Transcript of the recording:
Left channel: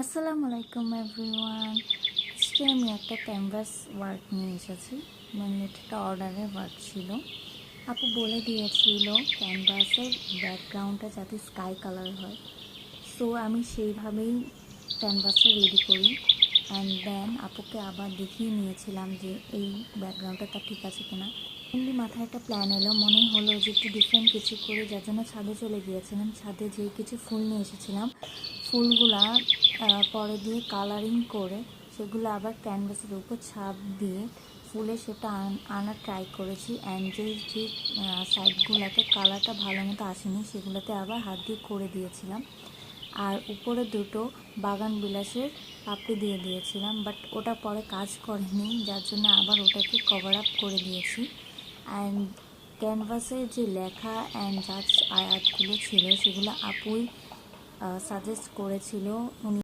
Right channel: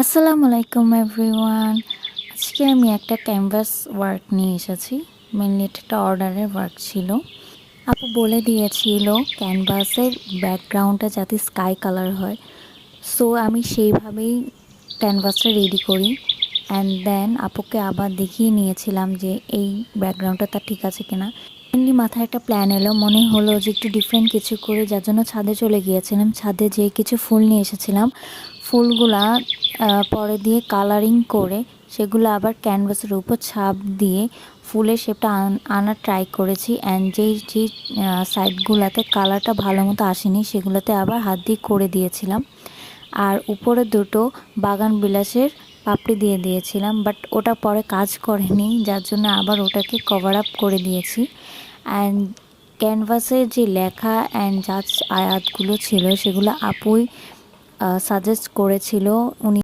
আসসালামু আলাইকুম এভরিওয়ান। আজকে আমি একটা ক্যানভাস ওয়ার্ক নিয়ে এসেছি। মেনলি এটা একটা অর্ডারের ওয়ার্ক ছিল। আপু বলে দিয়েছিল ক্যানভাসের ব্যাকগ্রাউন্ডটা যাতে স্কাই কালার হয়। সো আমি সেইভাবেই ক্যানভাসটা রেডি করি অ্যান্ড দেন আপুকে আবার দেখিয়ে নিয়েছিলাম যে এই ব্যাকগ্রাউন্ডটা তার ঠিক আছে কিনা। মেনলি মাথায় একটা প্ল্যান এলো, মনে হলো যে একটু ডিফারেন্ট কিছু করে, যার জন্য ছাদে চলে গিয়েছিলাম। ছাদে যেয়ে কিছু ফুল নিয়ে এসেছিলাম। ফুলগুলা পরে দিয়ে কালারিং করে সেগুলো আবার ক্যানভাসের উপর ছাপ দিয়ে ফুলের শেপটা আনার ট্রাই করেছি। অ্যান্ড যেই সাইডগুলোতে কালারটা ভালো মতো আসেনি সেগুলোতে আবার হাত দিয়ে করে দিয়েছিলাম। আর উপরে দুটো বাগান বিলাসের পাপড়ি দিয়ে দিয়েছিলাম, বাট ওটা পরে কাজ করেনি, যার জন্য আবার ওটাকে কভার আপ করে দিয়েছি। অ্যান্ড ক্যানভাসের যে লেখা অ্যান্ড জাজ আয়াতগুলো ছিল সেগুলো আপুই সাজেস্ট করেছিল। উনি